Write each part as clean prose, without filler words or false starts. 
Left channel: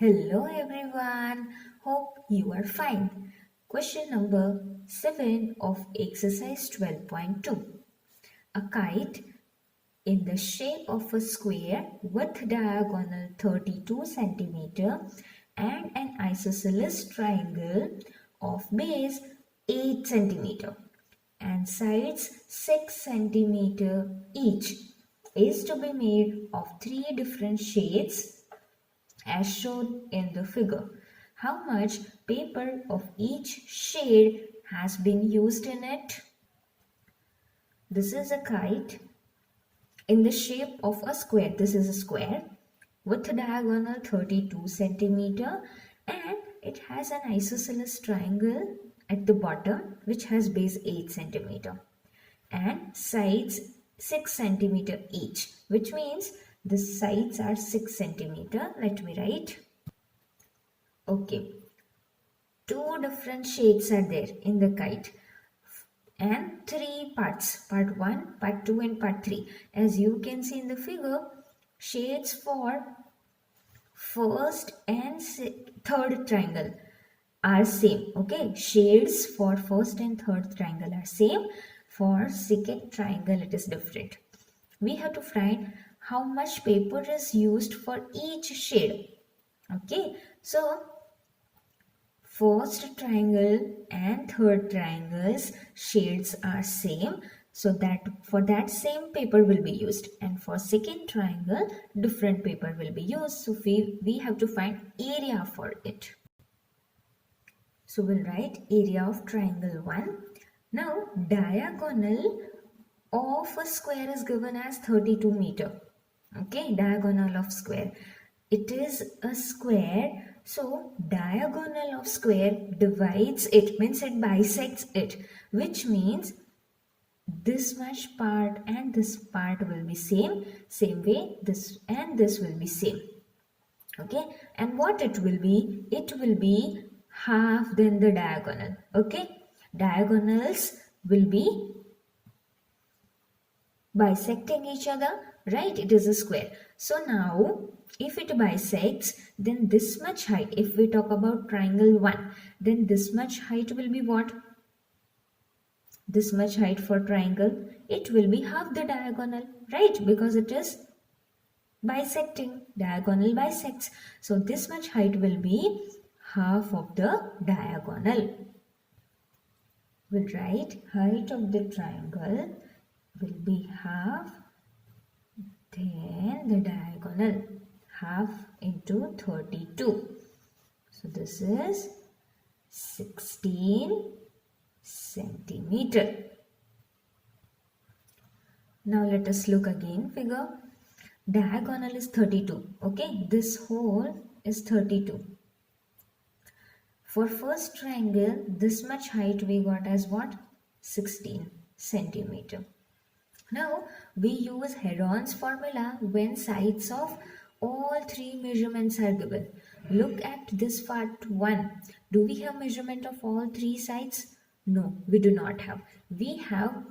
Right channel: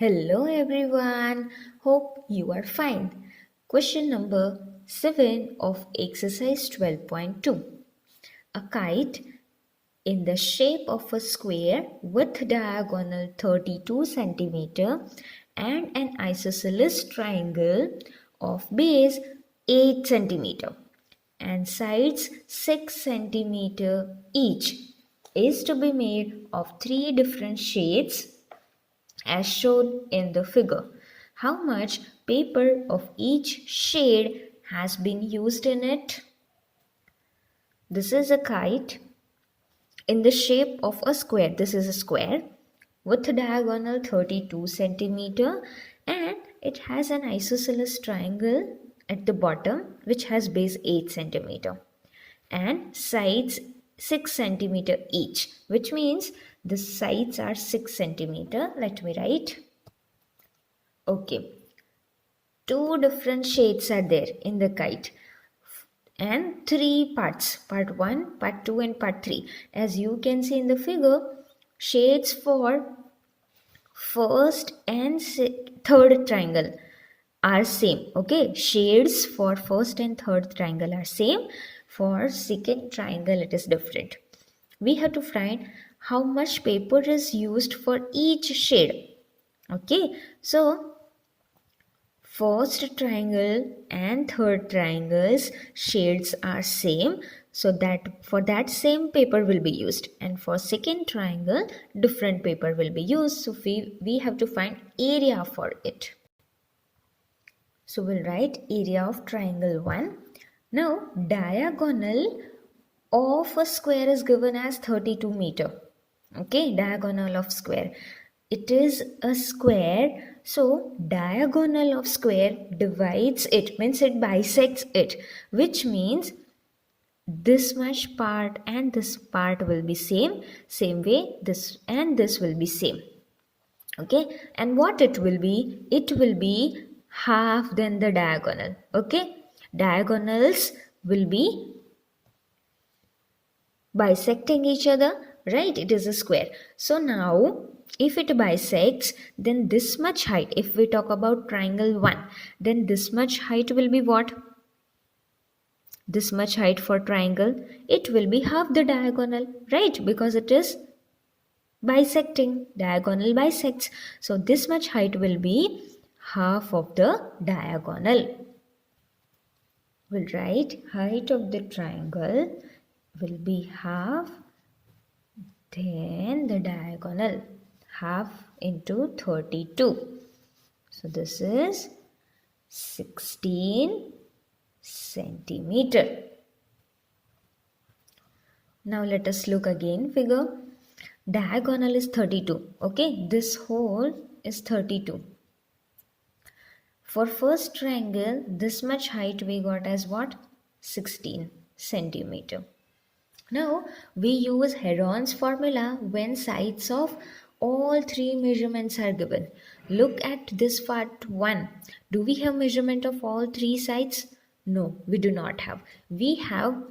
Hello everyone, hope you are fine. Question number 7 of exercise 12.2. A kite in the shape of a square with diagonal 32 centimeter and an isosceles triangle of base 8 centimeter and sides 6 centimeter each is to be made of three different shades as shown in the figure. How much paper of each shade has been used in it? This is a kite in the shape of a square. This is a square with a diagonal 32 centimeter and it has an isosceles triangle at the bottom which has base 8 centimeter and sides 6 centimeter each, which means the sides are 6 centimeter. Let me write. Okay, two different shades are there in the kite and three parts, part 1, part 2 and part 3. As you can see in the figure, shades for first and third triangle are same. Okay, shades for first and third triangle are same. For second triangle it is different. We have to find how much paper is used for each shade. Okay, so first triangle and third triangles shades are same, so that for that same paper will be used, and for second triangle different paper will be used. So we have to find area for it. So we'll write area of triangle 1. Now diagonal of a square is given as 32 meter. Okay, diagonal of square. It is a square, so diagonal of square divides it, means it bisects it, which means this much part and this part will be same way this and this will be same. Okay, and what it will be? It will be half then the diagonal. Okay, diagonals will be bisecting each other, right? It is a square. So now if it bisects, then this much height, if we talk about triangle 1, then this much height will be what? This much height for triangle, it will be half the diagonal, right? Because it is bisecting, diagonal bisects. So this much height will be half of the diagonal. We'll write height of the triangle will be half, then the diagonal, half into 32. So this is 16 centimeter. Now let us look again figure. Diagonal is 32. Okay, this whole is 32. For first triangle, this much height we got as what? 16 centimeter. Now we use Heron's formula when sides of all three measurements are given. Look at this part 1. Do we have measurement of all three sides? No, we do not have. We have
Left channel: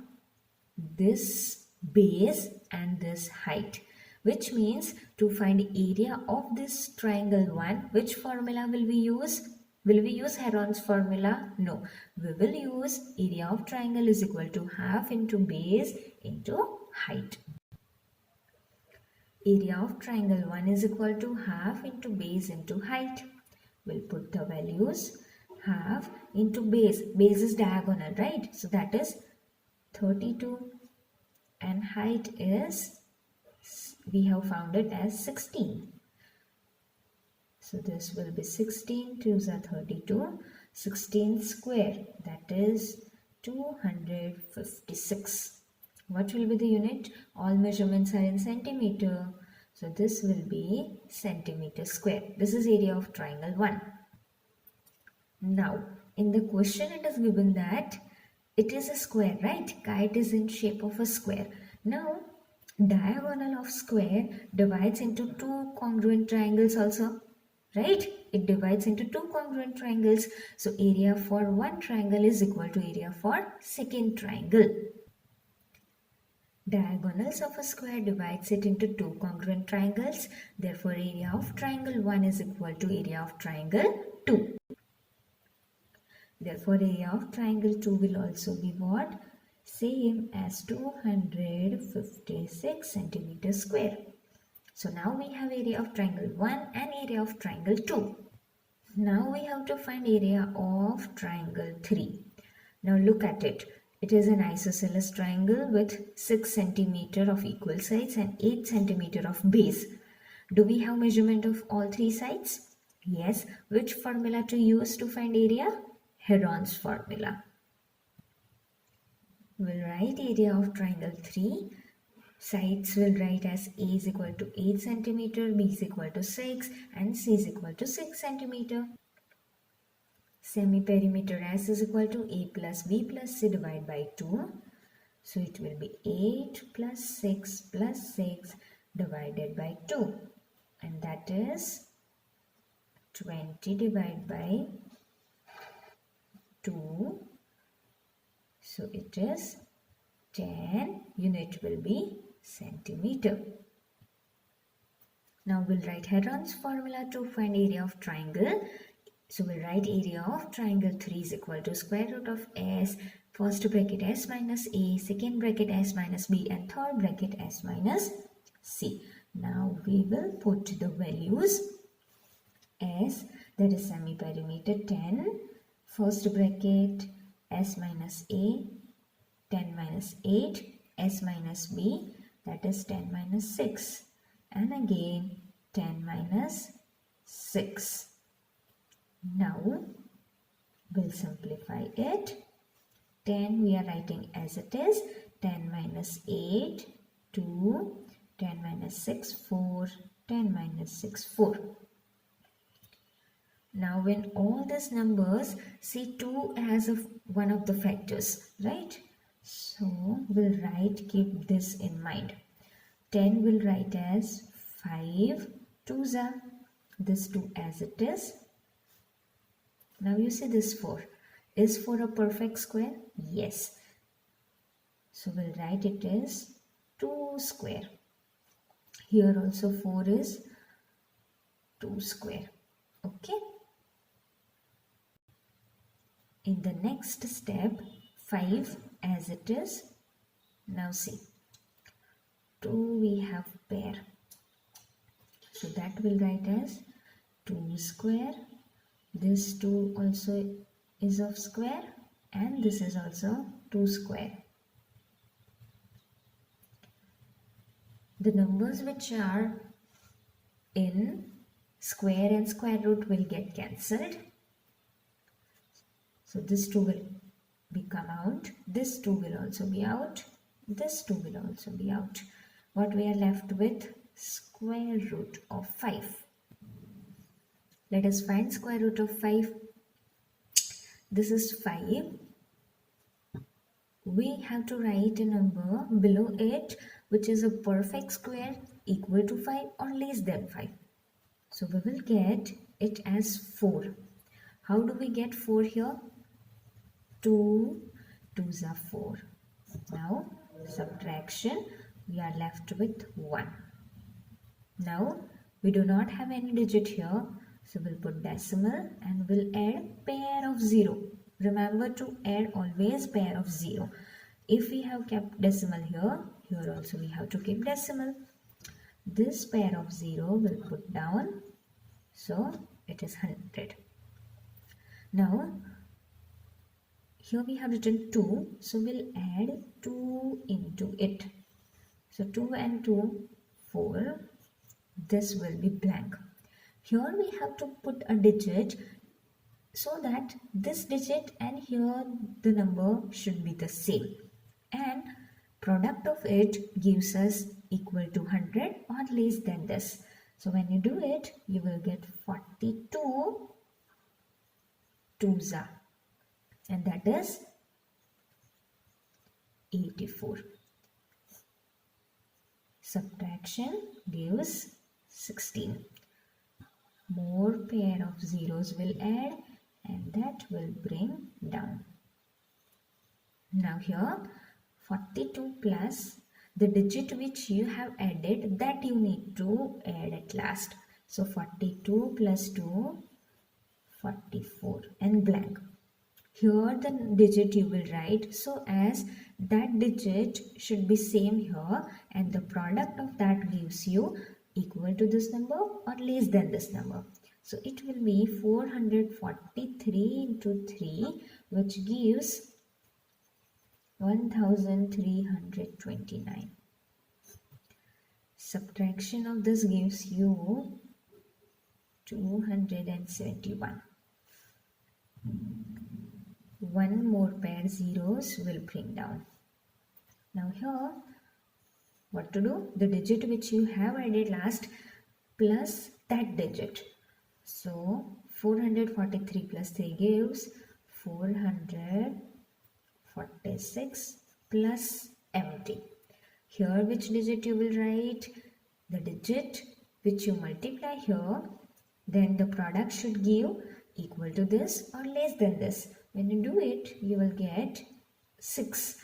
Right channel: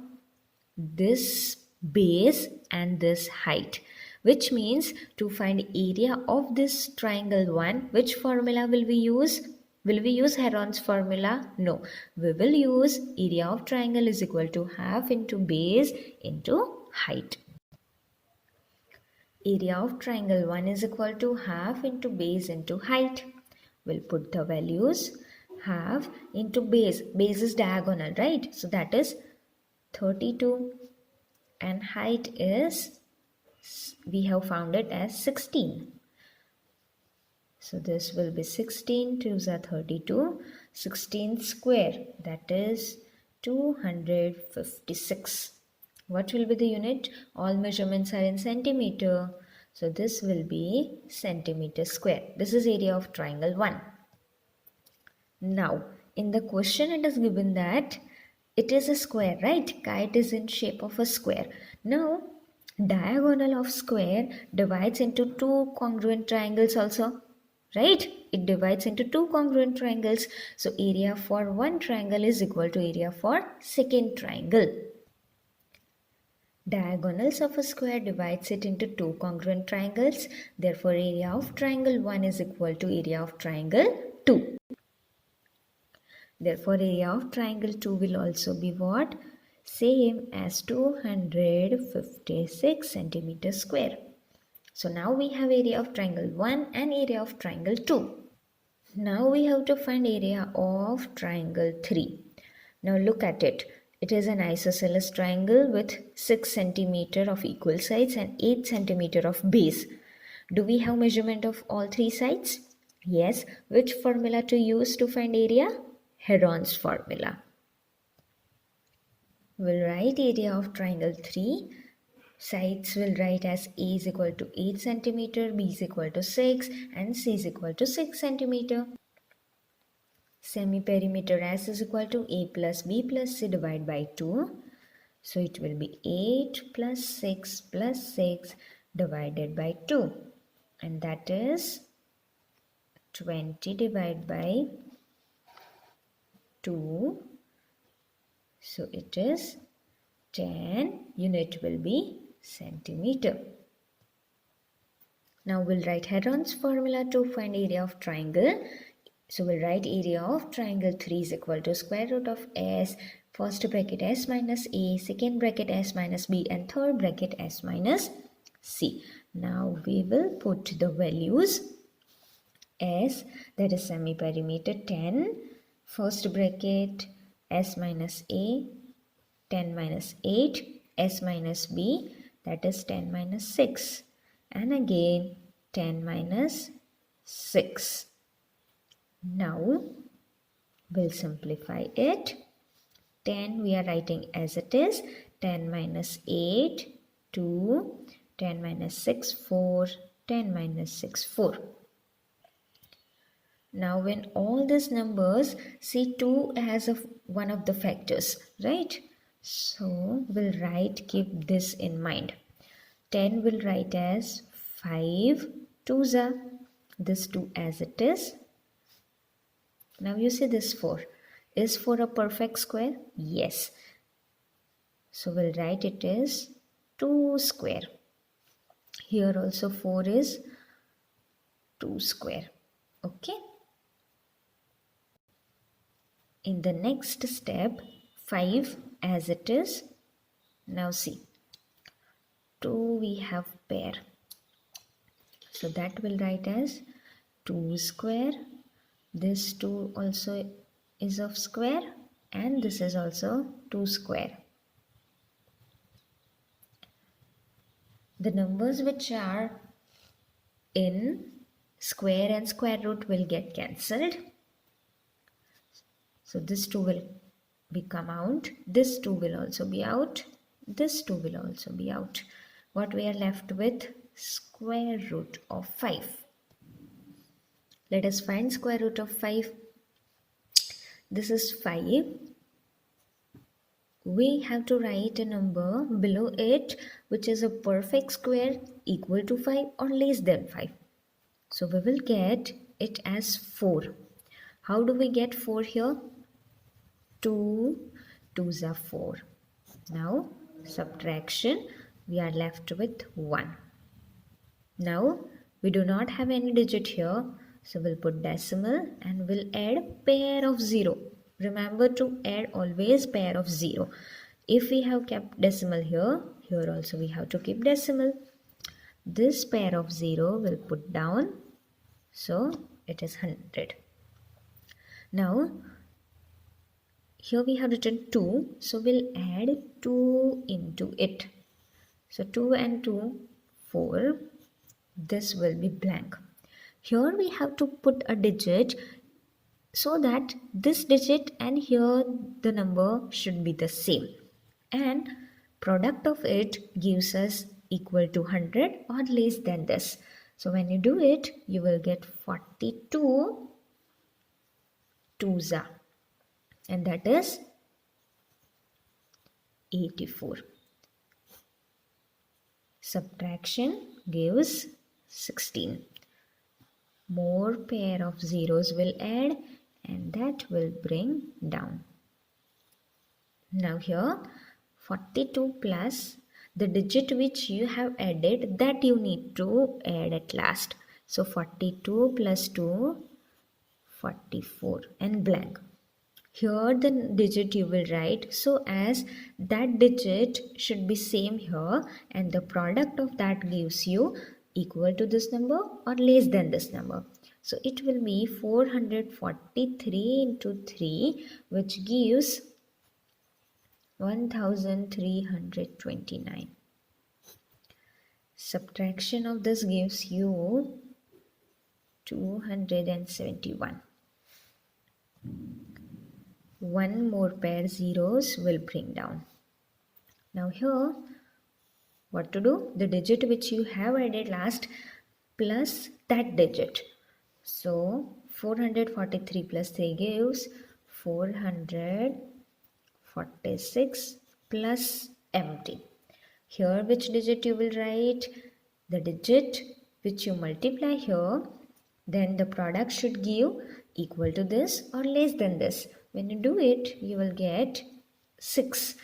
this base and this height, which means to find area of this triangle 1, which formula will we use? Will we use Heron's formula? No. We will use area of triangle is equal to half into base into height. Area of triangle 1 is equal to half into base into height. We'll put the values. Half into base. Base is diagonal, right? So that is 32. And height is, we have found it as 16. So this will be 16, 2s are 32, 16 square, that is 256. What will be the unit? All measurements are in centimeter. So this will be centimeter square. This is area of triangle 1. Now, in the question it is given that it is a square, right? Kite is in shape of a square. Now, diagonal of square divides into two congruent triangles also. Right? It divides into two congruent triangles. So area for one triangle is equal to area for second triangle. Diagonals of a square divides it into two congruent triangles. Therefore, area of triangle 1 is equal to area of triangle 2. Therefore, area of triangle 2 will also be what? Same as 256 centimeters square. So now we have area of triangle 1 and area of triangle 2. Now we have to find area of triangle 3. Now look at it. It is an isosceles triangle with 6 centimeter of equal sides and 8 centimeter of base. Do we have measurement of all three sides? Yes. Which formula to use to find area? Heron's formula. We'll write area of triangle 3. Sides will write as A is equal to 8 centimeter, B is equal to 6 and C is equal to 6 centimeter. Semi-perimeter S is equal to A plus B plus C divided by 2. So it will be 8 plus 6 divided by 2. And that is 20 divided by 2. So it is 10. Unit will be centimeter. Now we'll write Heron's formula to find area of triangle. So we'll write area of triangle 3 is equal to square root of S, first bracket S minus A, second bracket S minus B and third bracket S minus C. Now we will put the values. S, that is semi-perimeter 10, first bracket S minus A, 10 minus 8, S minus B, that is 10 minus 6 and again 10 minus 6. Now we'll simplify it. 10 we are writing as it is, 10 minus 8, 2, 10 minus 6, 4, 10 minus 6, 4. Now when all these numbers, see 2 as one of the factors, right? So we'll write, keep this in mind. 10 will write as 5 2s are, this 2 as it is. Now you see this 4. Is 4 a perfect square? Yes. So we'll write it is 2 square. Here also 4 is 2 square. Okay. In the next step, 5 as it is. Now see, 2 we have pair. So that will write as 2 square. This 2 also is of square and this is also 2 square. The numbers which are in square and square root will get cancelled. So this 2 will become out. This 2 will also be out. This 2 will also be out. What we are left with? Square root of 5. Let us find square root of 5. This is 5. We have to write a number below it which is a perfect square equal to 5 or less than 5. So we will get it as 4. How do we get 4 here? 2 2s are 4. Now subtraction, we are left with 1. Now we do not have any digit here, so we'll put decimal and we'll add pair of 0. Remember to add always pair of 0. If we have kept decimal here, here also we have to keep decimal. This pair of 0 will put down, so it is 100. Now here we have written 2, so we'll add 2 into it. So 2 and 2, 4. This will be blank. Here we have to put a digit so that this digit and here the number should be the same. And product of it gives us equal to 100 or less than this. So when you do it, you will get 42 2s are. And that is 84. Subtraction gives 16. More pair of zeros will add and that will bring down. Now here 42 plus The digit which you have added, that you need to add at last. So 42 plus 2, 44 and blank. Here the digit you will write so as that digit should be same here, and the product of that gives you equal to this number or less than this number. So it will be 443 into 3, which gives 1329. Subtraction of this gives you 271. One more pair zeros will bring down. Now here, what to do? The digit which you have added last plus that digit. So 443 plus 3 gives 446 plus empty. Here which digit you will write? The digit which you multiply here, then the product should give equal to this or less than this. When you do it, you will get 6.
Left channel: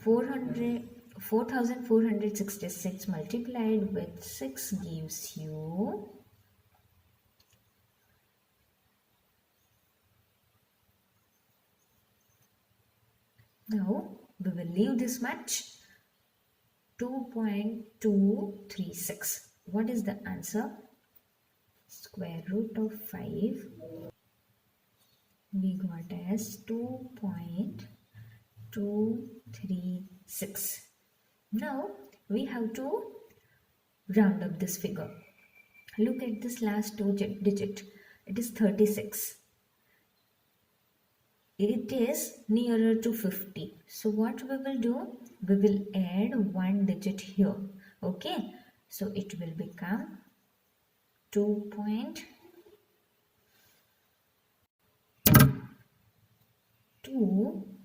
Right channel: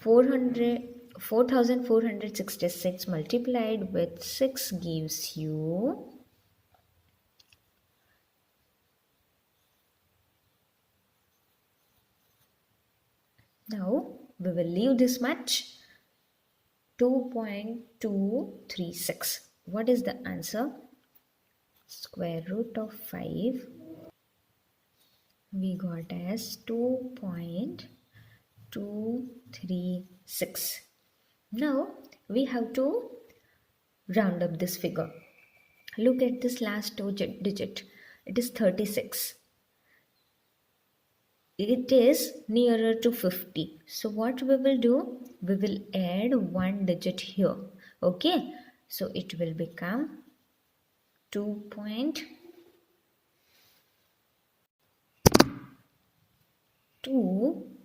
4466 multiplied with 6 gives you now we will leave this much 2.236. What is the answer? Square root of 5 we got as 2.236. Now we have to round up this figure. Look at this last digit. It is 36. It is nearer to 50. So what we will do? We will add one digit here. Okay. So it will become 2.2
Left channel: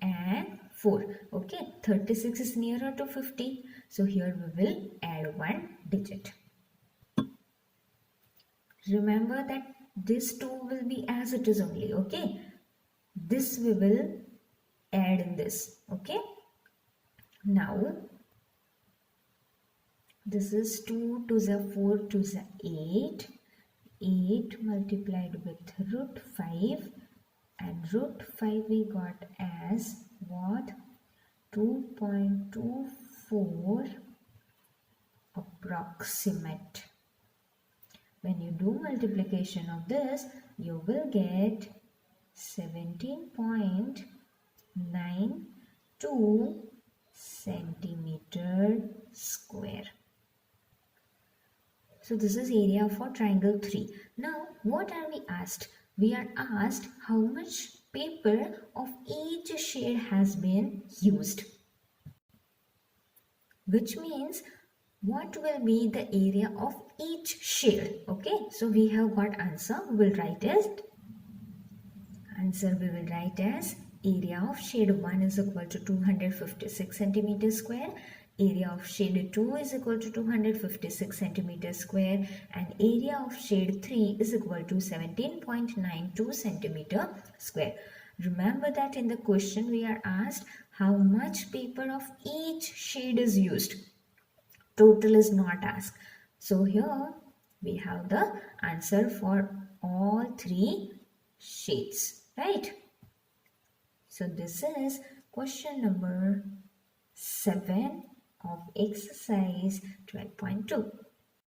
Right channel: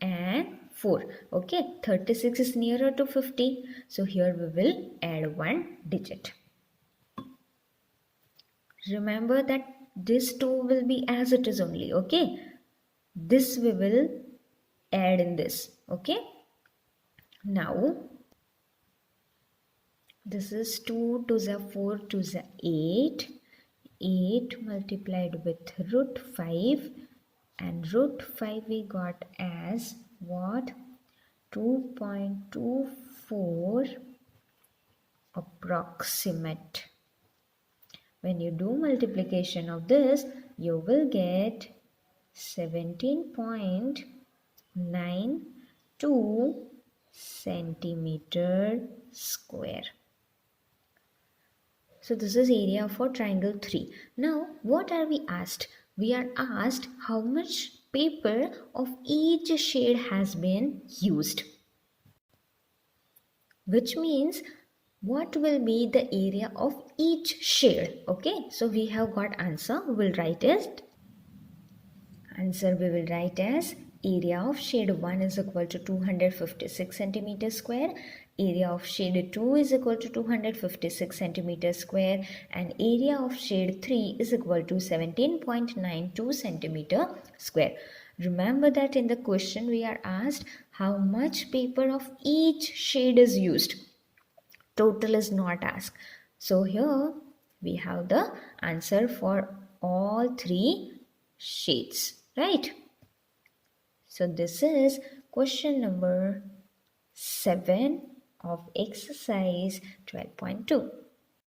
and 4. Okay. 36 is nearer to 50. So here we will add one digit. Remember that this 2 will be as it is only. Okay. This we will add in this. Okay. Now this is 2 to the 4 to the 8. 8 multiplied with root 5, and root 5 we got as what? 2.24 approximate. When you do multiplication of this, you will get 17.92 centimeter square. So this is area for triangle 3. Now what are we asked? We are asked how much paper of each shade has been used. Which means what will be the area of each shade. Okay, so we have got answer. We will write as area of shade 1 is equal to 256 centimeter square. Area of shade 2 is equal to 256 centimeter square, and area of shade 3 is equal to 17.92 centimeter square. Remember that in the question we are asked how much paper of each shade is used. Total is not asked. So here we have the answer for all 3 shades, right? So this is question number 7 of exercise 12.2.